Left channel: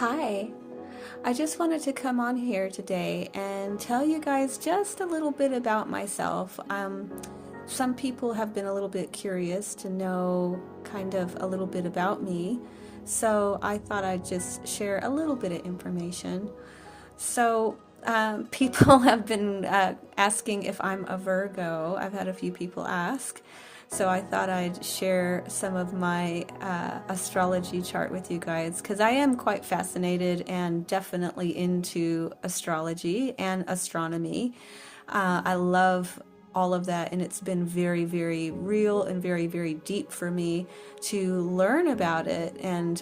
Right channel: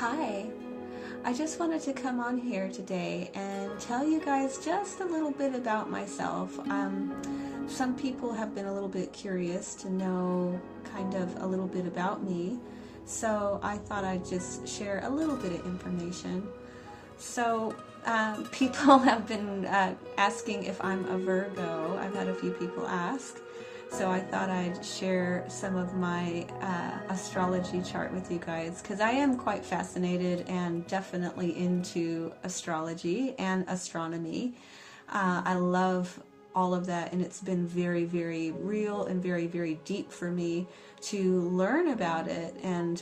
Hi, I just wanted to come on here today and tell you guys just a little bit about myself. Some people have been a little bit curious to know kind of a little bit about me, so I thought I'd just share a little bit of information. So, people have been asking if I'm a Virgo. I've had a few people ask. So I thought I'd share some of my astrology chart with you guys because I am quite fascinated and definitely into astrology and astronomy. I love all of that, and it's been very, very real and very, very deep for me to learn about it. And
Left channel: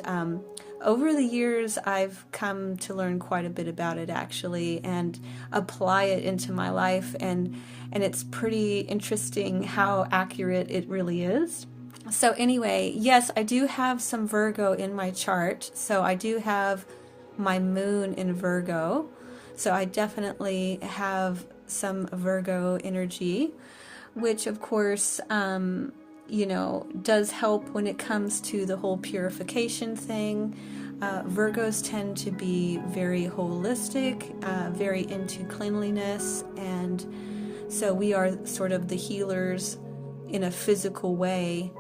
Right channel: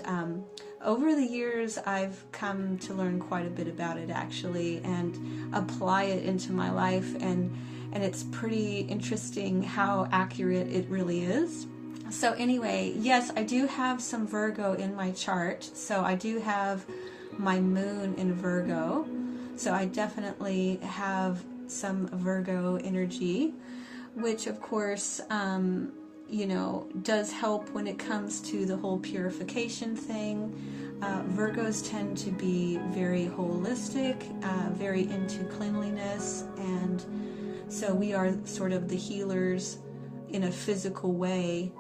over the years, I've come to learn quite a bit about it actually and apply it into my life, and it's pretty interesting how accurate it really is. So anyway, yes, I do have some Virgo in my chart. So I do have my moon in Virgo. So I definitely have some Virgo energy, which of course, does help when it comes to the whole purification thing. Virgos tend to be very holistic, very into cleanliness, and so we are sort of the healers in a physical way.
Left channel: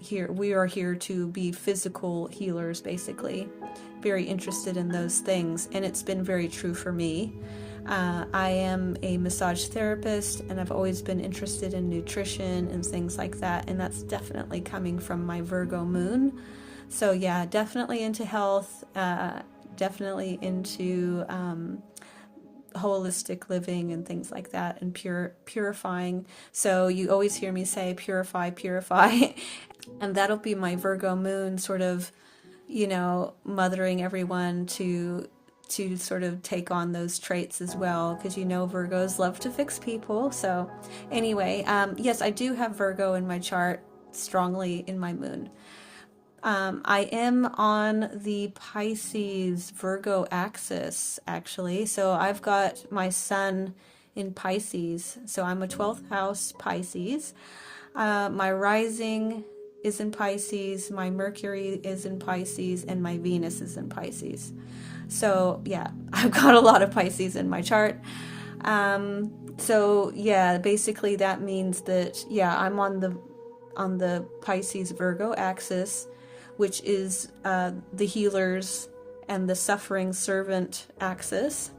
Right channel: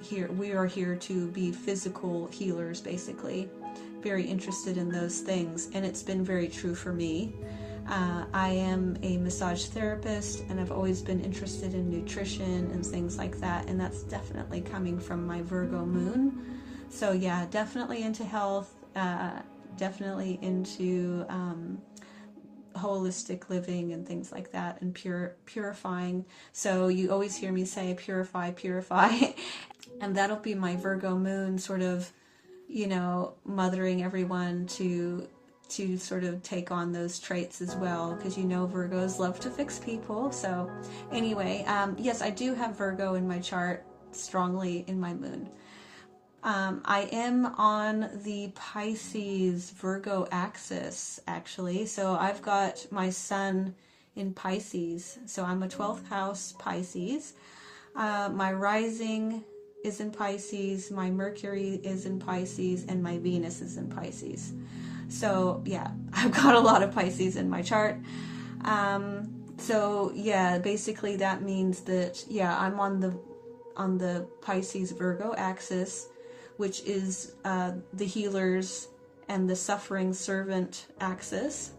Here we are here to be physical healers, basically. Very interested in those things, and it's been very true for me. I am a massage therapist, and I've always been interested in nutrition and things like that, and that's definitely coming from my Virgo moon. So yeah, definitely into health, definitely into holistic living and things like that, and purifying. So you always hear me say purify, purify. And that'll be my Virgo moon sort of, mothering everyone to sort of take on those traits as well, because Virgos love to fix people. So anyway, yes, I do have Virgo in my chart strongly in my moon. I am on the Pisces Virgo axis, actually. So I've got my sun in Pisces. So I'm a 12th house Pisces. My rising is in Pisces, my Mercury is in Pisces, and my Venus is in Pisces. So yeah, I've got a lot of Pisces in my chart. So yeah, basically that means that, yeah, I'm on the Pisces Virgo axis, which is the healers and the suffering servant axis.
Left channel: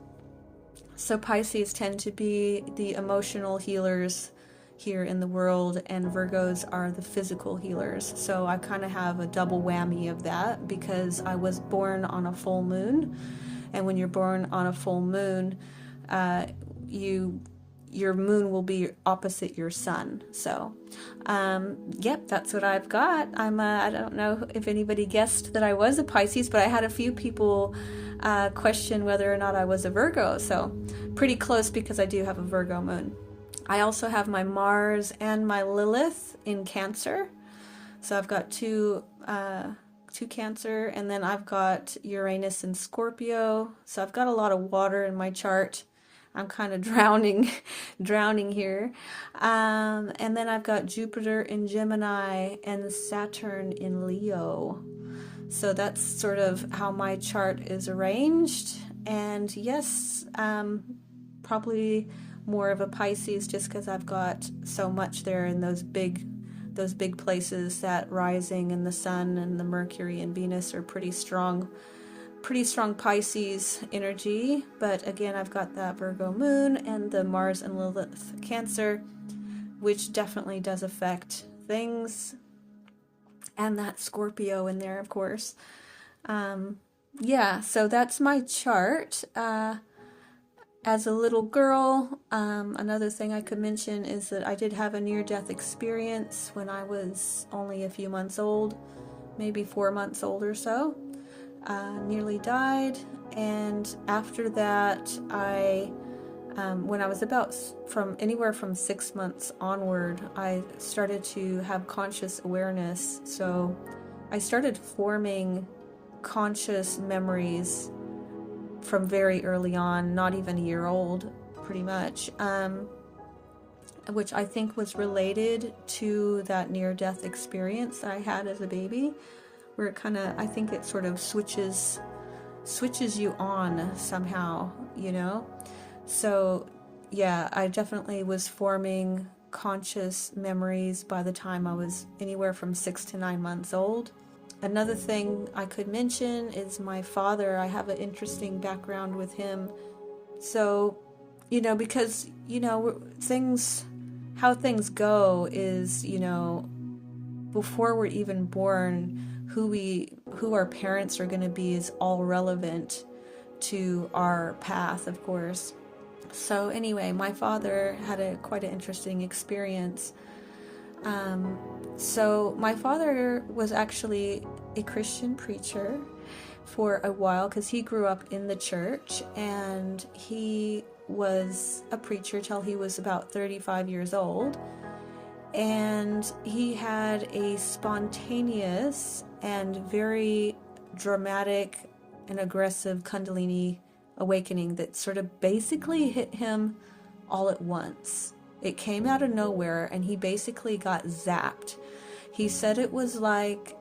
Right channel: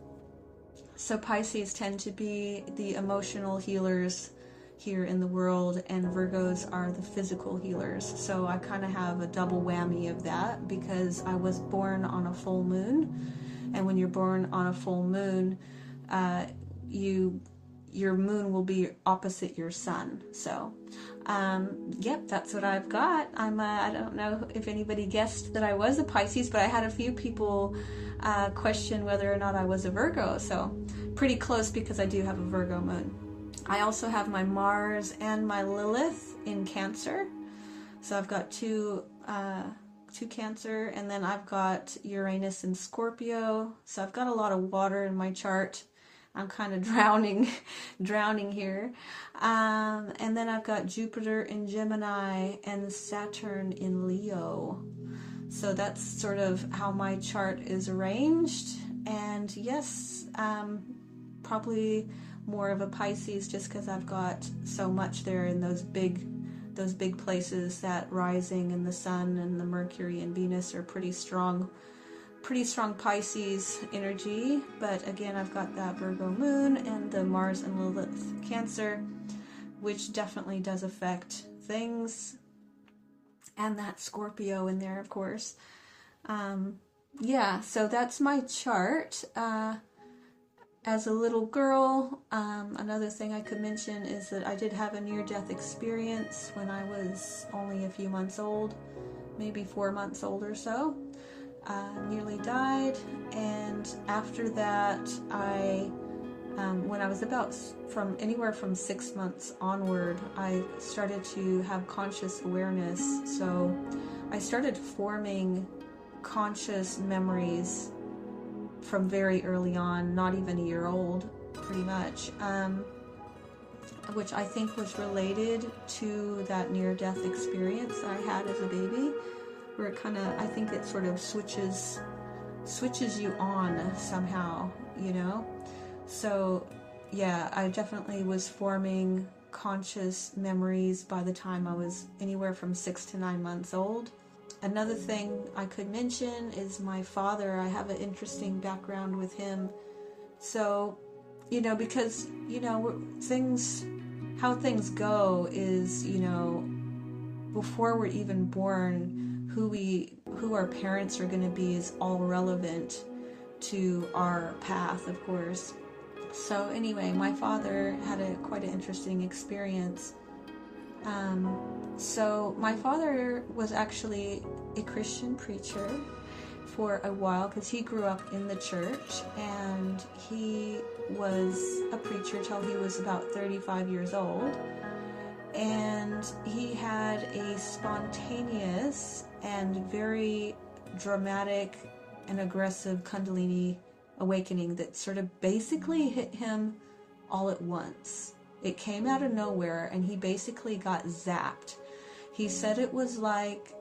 So Pisces tend to be the emotional healers here in the world, and Virgos are the physical healers. So I kind of have a double whammy of that because I was born on a full moon, and when you're born on a full moon, your moon will be opposite your sun. So yep, that's what I've got. I don't know if anybody guessed that I was a Pisces, but I had a few people question whether or not I was a Virgo. So pretty close because I do have a Virgo moon. I also have my Mars and my Lilith in Cancer. So I've got two Cancer, and then I've got Uranus in Scorpio. So I've got a lot of water in my chart. I'm kind of drowning here. And then I've got Jupiter in Gemini and Saturn in Leo. So that's sort of how my chart is arranged. And yes, probably more of a Pisces just because I've got so much there in those big places. That rising and the sun and the Mercury and Venus are pretty strong Pisces energy. But again, I've got that Virgo moon and the Mars and Lilith Cancer, which definitely does affect things, and that Scorpio in there, of course. Yeah, so that's my chart. As a little girl, another thing I could mention is that I did have a near-death experience when I was only a few months old, maybe 4 months old or so. Nearly died, and after that, when I was about anywhere from 6 months onward, I started to have conscious awareness. So I started forming conscious memories from very early on, not even a year old, pretty much, which I think was related to that near-death experience that I had as a baby, where it kind of, I think it sort of switches switches you on somehow, you know? So yeah, I definitely was forming conscious memories by the time I was anywhere from 6 to 9 months old. Another thing I could mention is my father. I have an interesting background with him. So, you know, because, you know, how things go is, you know, before we're even born, who our parents are going to be is all relevant to our path, of course. So anyway, my father had quite an interesting experience. So my father was actually a Christian preacher for a while because he grew up in the church, and he was a preacher till he was about 35 years old. And he had a spontaneous and very dramatic and aggressive Kundalini awakening that sort of basically hit him all at once. It came out of nowhere, and he basically got zapped. He said it was like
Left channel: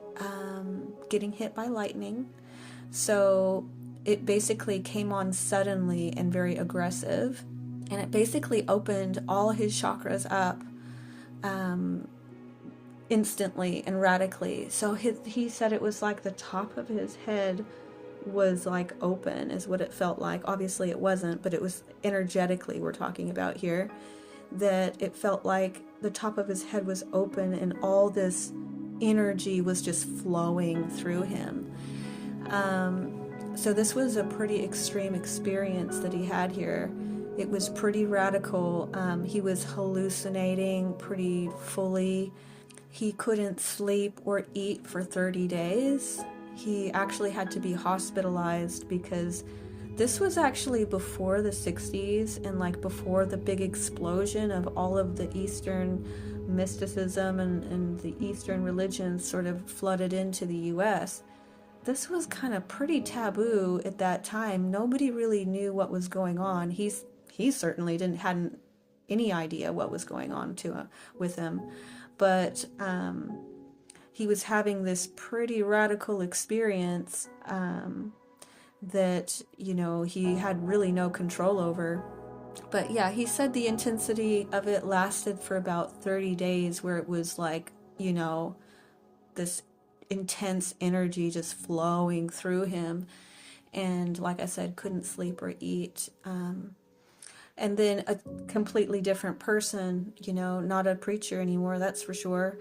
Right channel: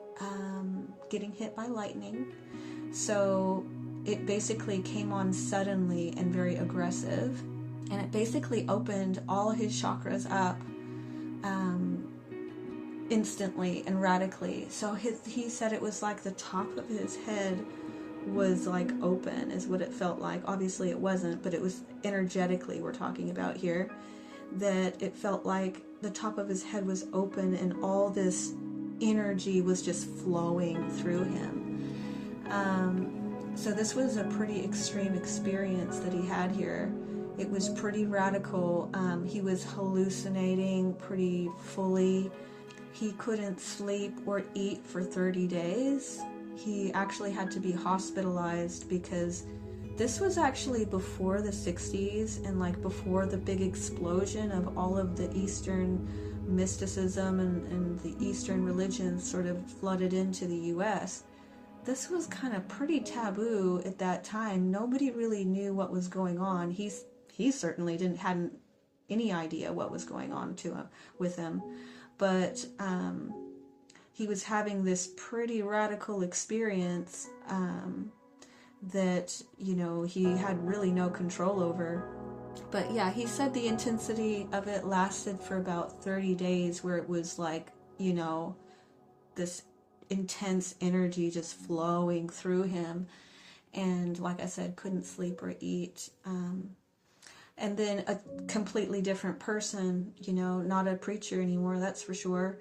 getting hit by lightning. So it basically came on suddenly and very aggressive, and it basically opened all his chakras up instantly and radically. So he said it was like the top of his head was like open, is what it felt like. Obviously it wasn't, but it was energetically, we're talking about here, that it felt like the top of his head was open and all this energy was just flowing through him. So this was a pretty extreme experience that he had here. It was pretty radical. He was hallucinating pretty fully. He couldn't sleep or eat for 30 days. He actually had to be hospitalized because this was actually before the 60s and like before the big explosion of all of the Eastern mysticism and the Eastern religions sort of flooded into the US. This was kind of pretty taboo at that time. Nobody really knew what was going on. He certainly hadn't any idea what was going on with him. But he was having this pretty radical experience that, you know, he had really no control over. But yeah, he said the intensity of it lasted for about 30 days, where it was like, you know, this intense energy just flowing through him. And like I said, couldn't sleep or eat. And then a completely different person, you know, not a preacher anymore, that's for sure.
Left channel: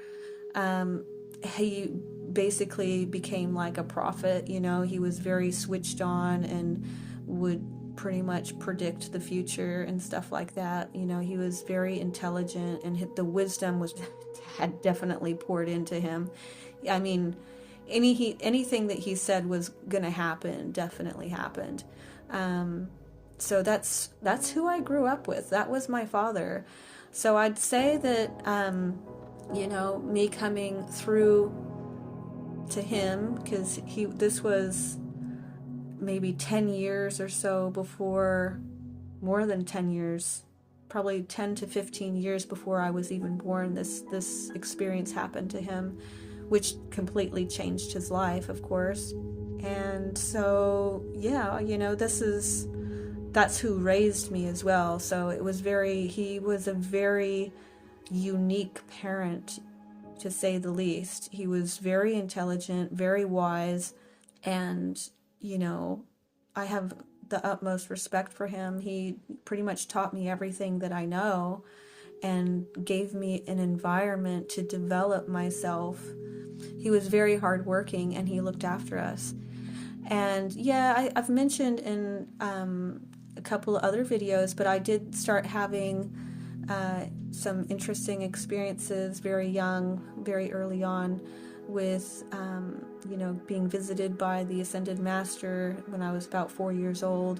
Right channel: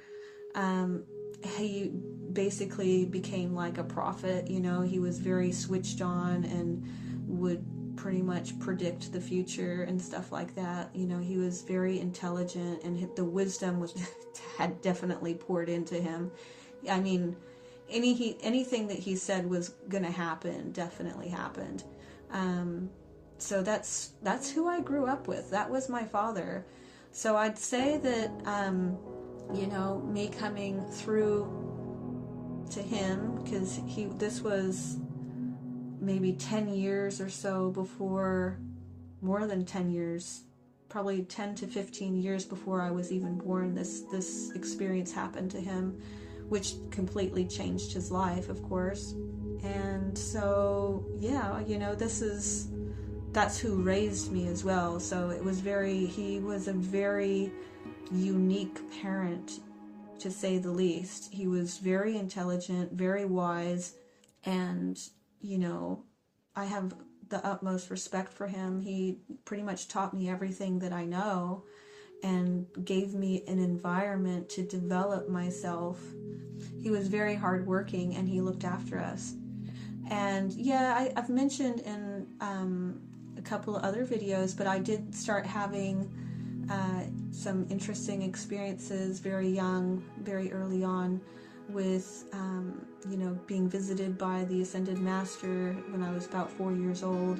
He basically became like a prophet, you know. He was very switched on and would pretty much predict the future and stuff like that. You know, he was very intelligent, and the wisdom had definitely poured into him. I mean, anything that he said was going to happen definitely happened. So that's who I grew up with. That was my father. So I'd say that, you know, me coming through to him, because this was maybe 10 years or so before, more than 10 years, probably 10 to 15 years before I was even born, this experience happened to him, which completely changed his life, of course. And so, yeah, you know, that's who raised me as well. So he was a very unique parent, to say the least. He was very intelligent, very wise, and, you know, I have the utmost respect for him. He pretty much taught me everything that I know and gave me an environment to develop myself. He was very hardworking, and he looked after us. And yeah, I've mentioned in a couple of other videos, but I did start having some interesting experiences very young, very early on, with you know, being visited by the Ascended Master when I was about 4 years old.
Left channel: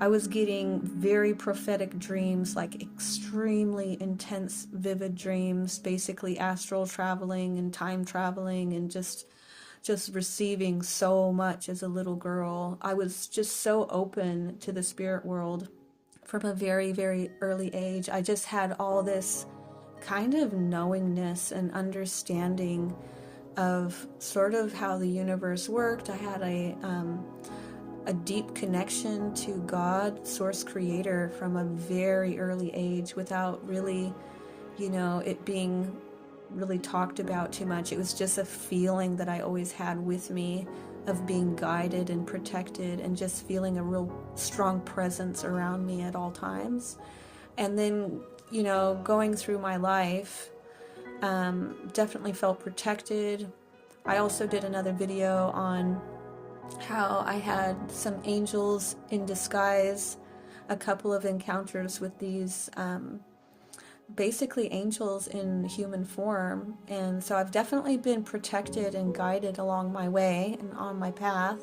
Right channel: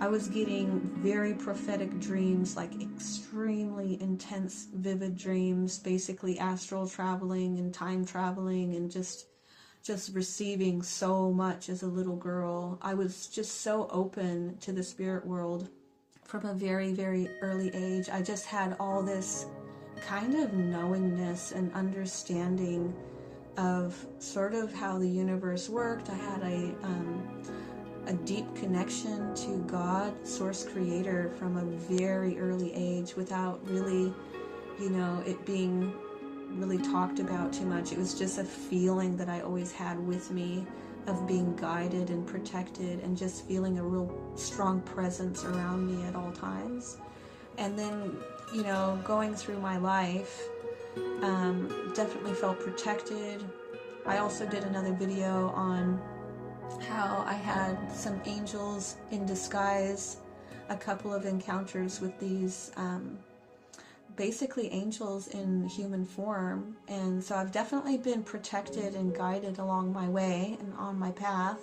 I was getting very prophetic dreams, like extremely intense, vivid dreams, basically astral traveling and time traveling, and just receiving so much as a little girl. I was just so open to the spirit world from a very, very early age. I just had all this kind of knowingness and understanding of sort of how the universe worked. I had a deep connection to God, Source Creator, from a very early age without really, it being really talked about too much. It was just a feeling that I always had with me of being guided and protected and just feeling a real strong presence around me at all times. And then, going through my life, definitely felt protected. I also did another video on how I had some angels in disguise, a couple of encounters with these basically angels in human form. And so I've definitely been protected and guided along my way and on my path.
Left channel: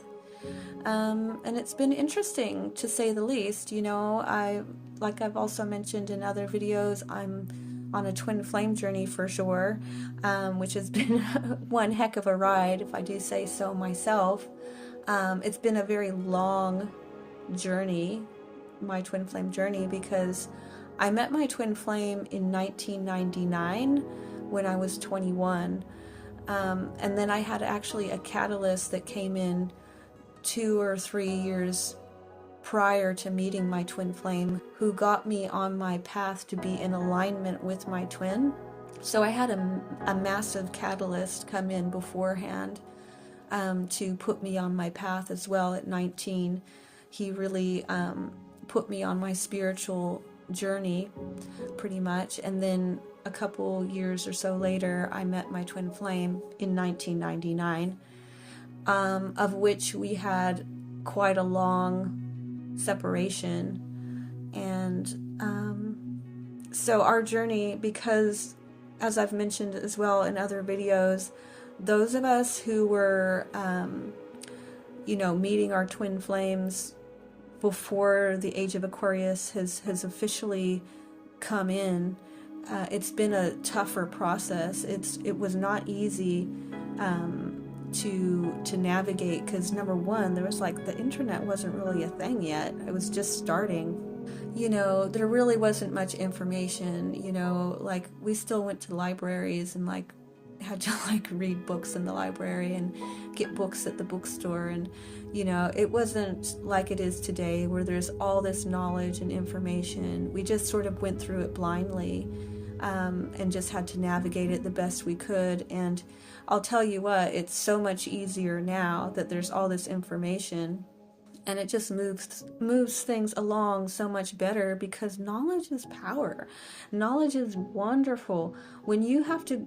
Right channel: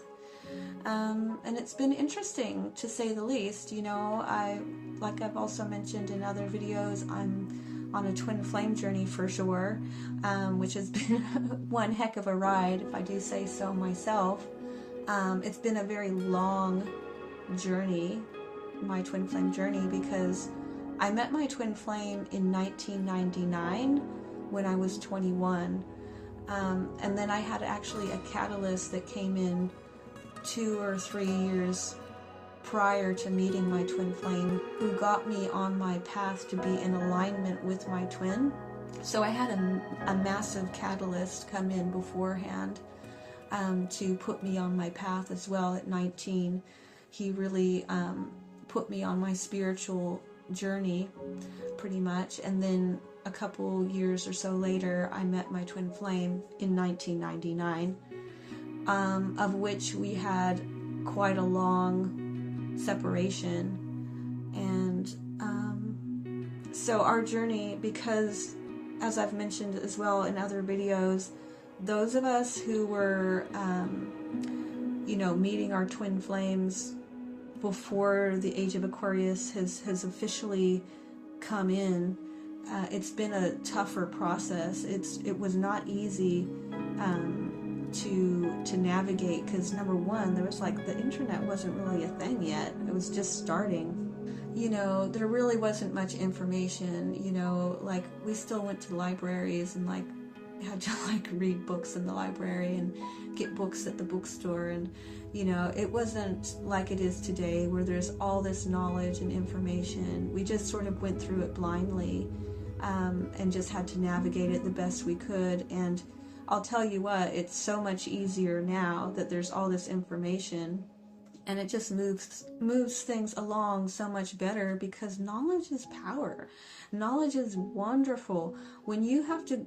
And it's been interesting, to say the least. Like I've also mentioned in other videos, I'm on a twin flame journey for sure, which has been one heck of a ride, if I do say so myself. It's been a very long journey, my twin flame journey, because I met my twin flame in 1999 when I was 21. And then I had actually a catalyst that came in 2 or 3 years prior to meeting my twin flame, who got me on my path to be in alignment with my twin. So I had a massive catalyst come in beforehand to put me on my path as well at 19. He really put me on my spiritual journey pretty much. And then a couple years or so later, I met my twin flame in 1999, of which we had quite a long separation. And so our journey, because as I've mentioned as well in other videos, those of us who were meeting our twin flames before the age of Aquarius has officially come in, it's been a tougher process. It was not easy to navigate, because number one, there was the internet wasn't really a thing yet. It was just starting. There really wasn't much information. We still went to libraries and had to read books in the library and get books at the bookstore, and it wasn't like it is today where there's all this knowledge and information. We just sort of went through it blindly, and just had to navigate it the best we could. And I'll tell you what, it's so much easier now that there's all this information, and it just moves things along so much better, because knowledge is power. Knowledge is wonderful. When you have to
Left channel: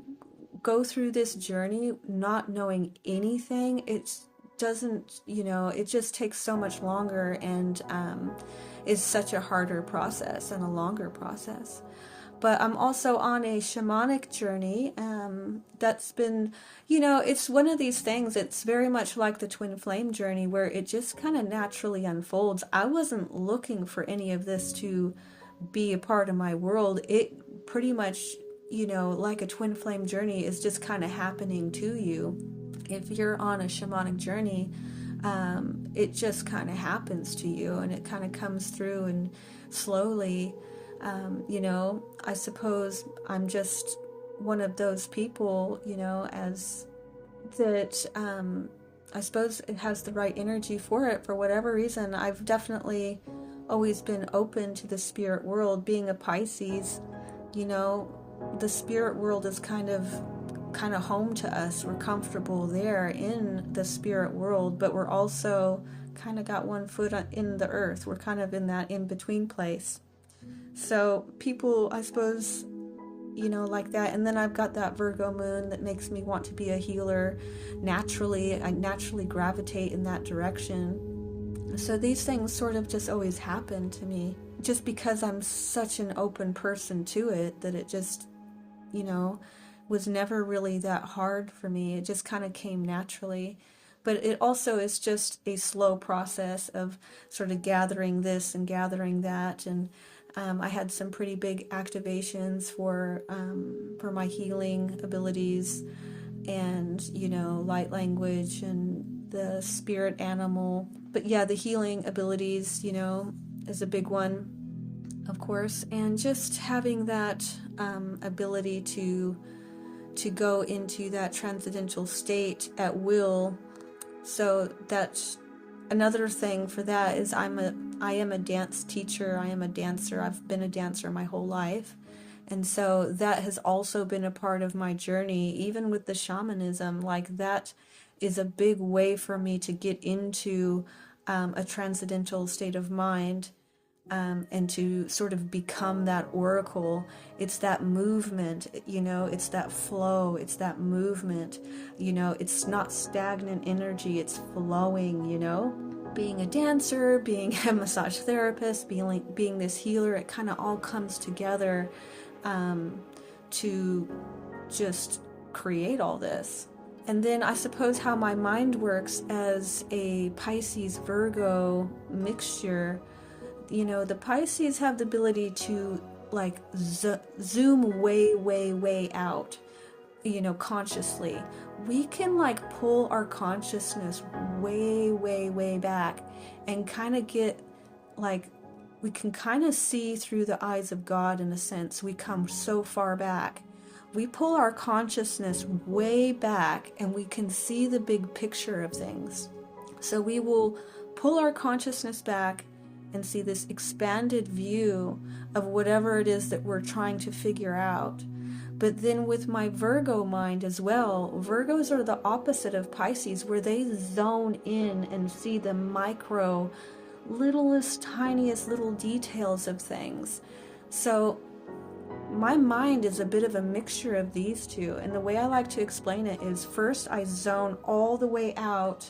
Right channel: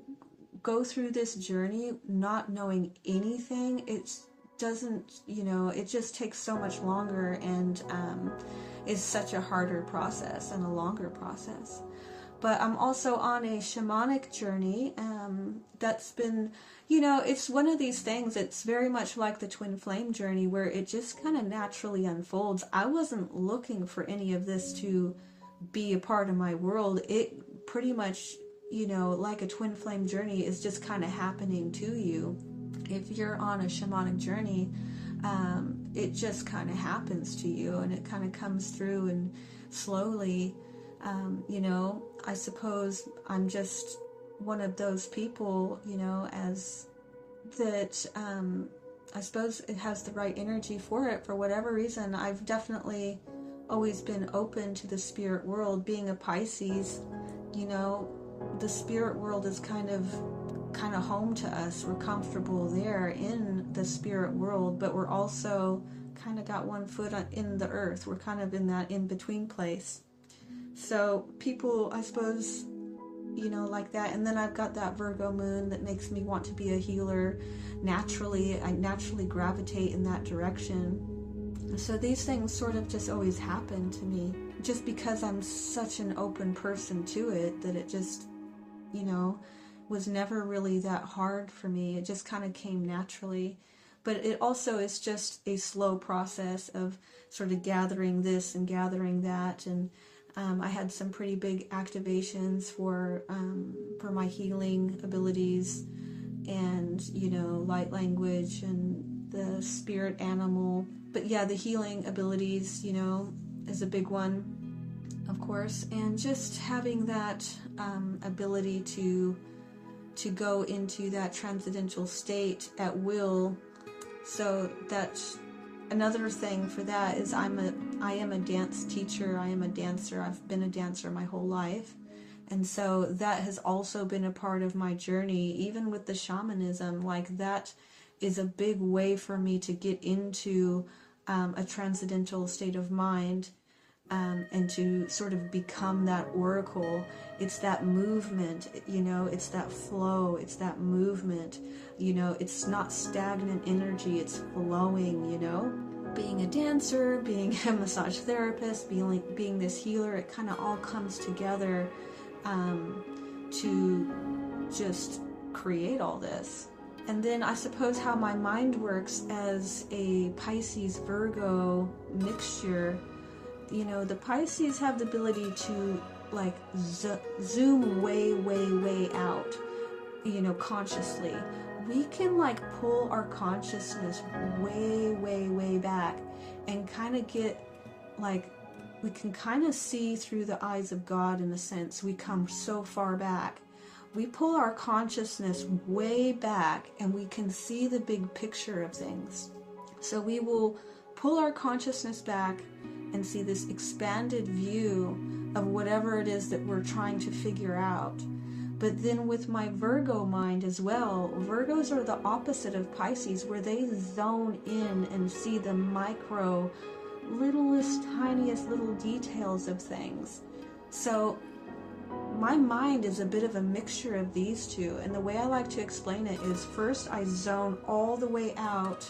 go through this journey not knowing anything, it just takes so much longer, and is such a harder process and a longer process. But I'm also on a shamanic journey that's been, it's one of these things. It's very much like the twin flame journey, where it just kind of naturally unfolds. I wasn't looking for any of this to be a part of my world. It pretty much, like a twin flame journey, is just kind of happening to you. If you're on a shamanic journey, it just kind of happens to you, and it kind of comes through, and slowly, I suppose I'm just one of those people, as that, I suppose it has the right energy for it for whatever reason. I've definitely always been open to the spirit world. Being a Pisces, the spirit world is kind of home to us. We're comfortable there in the spirit world, but we're also kind of got one foot in the earth. We're kind of in that in-between place. So people, I suppose, like that. And then I've got that Virgo moon that makes me want to be a healer naturally. I naturally gravitate in that direction. So these things sort of just always happen to me, just because I'm such an open person to it, that it just, was never really that hard for me. It just kind of came naturally. But it also is just a slow process of sort of gathering this and gathering that. And I had some pretty big activations for my healing abilities, and light language and the spirit animal. But yeah, the healing abilities, is a big one, of course. And just having that ability to go into that transcendental state at will. So that's another thing for that is I am a dance teacher. I am a dancer. I've been a dancer my whole life. And so that has also been a part of my journey, even with the shamanism. Like, that is a big way for me to get into a transcendental state of mind, and to sort of become that oracle. It's that movement, it's that flow, it's that movement, it's not stagnant energy, it's flowing, Being a dancer, being a massage therapist, being this healer, it kind of all comes together to just create all this. And then I suppose how my mind works as a Pisces Virgo mixture, the Pisces have the ability to like zoom way, way, way out, consciously. We can like pull our consciousness way, way, way back and kind of get like, we can kind of see through the eyes of God in a sense. We come so far back. We pull our consciousness way back and we can see the big picture of things. So we will pull our consciousness back and see this expanded view of whatever it is that we're trying to figure out. But then with my Virgo mind as well, Virgos are the opposite of Pisces, where they zone in and see the micro, littlest, tiniest little details of things. So my mind is a bit of a mixture of these two, and the way I like to explain it is, first I zone all the way out,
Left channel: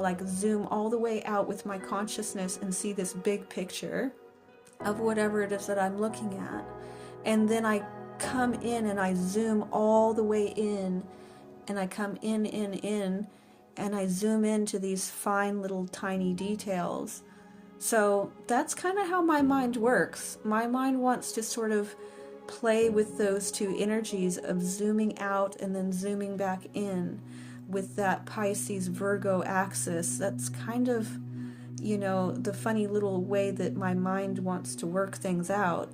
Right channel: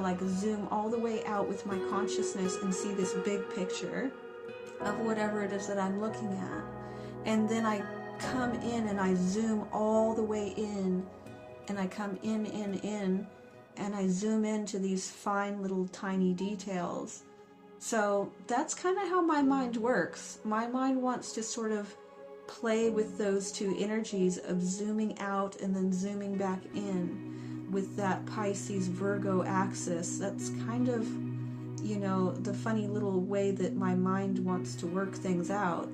like zoom all the way out with my consciousness and see this big picture of whatever it is that I'm looking at. And then I come in and I zoom all the way in, and I come in, and I zoom into these fine little tiny details. So that's kind of how my mind works. My mind wants to sort of play with those two energies of zooming out and then zooming back in with that Pisces Virgo axis. That's kind of, the funny little way that my mind wants to work things out.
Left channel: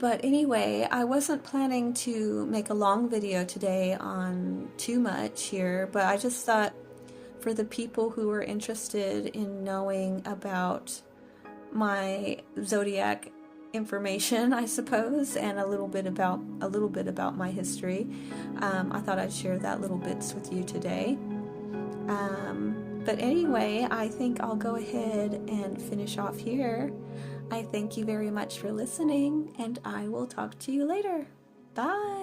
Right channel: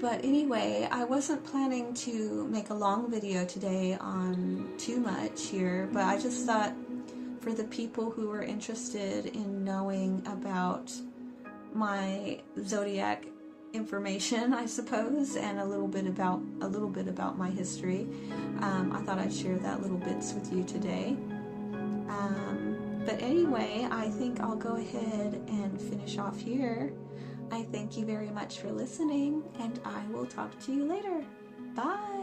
But anyway, I wasn't planning to make a long video today on too much here, but I just thought for the people who are interested in knowing about my zodiac information, I suppose, and a little bit about my history, I thought I'd share that little bits with you today. But anyway, I think I'll go ahead and finish off here. I thank you very much for listening, and I will talk to you later. Bye.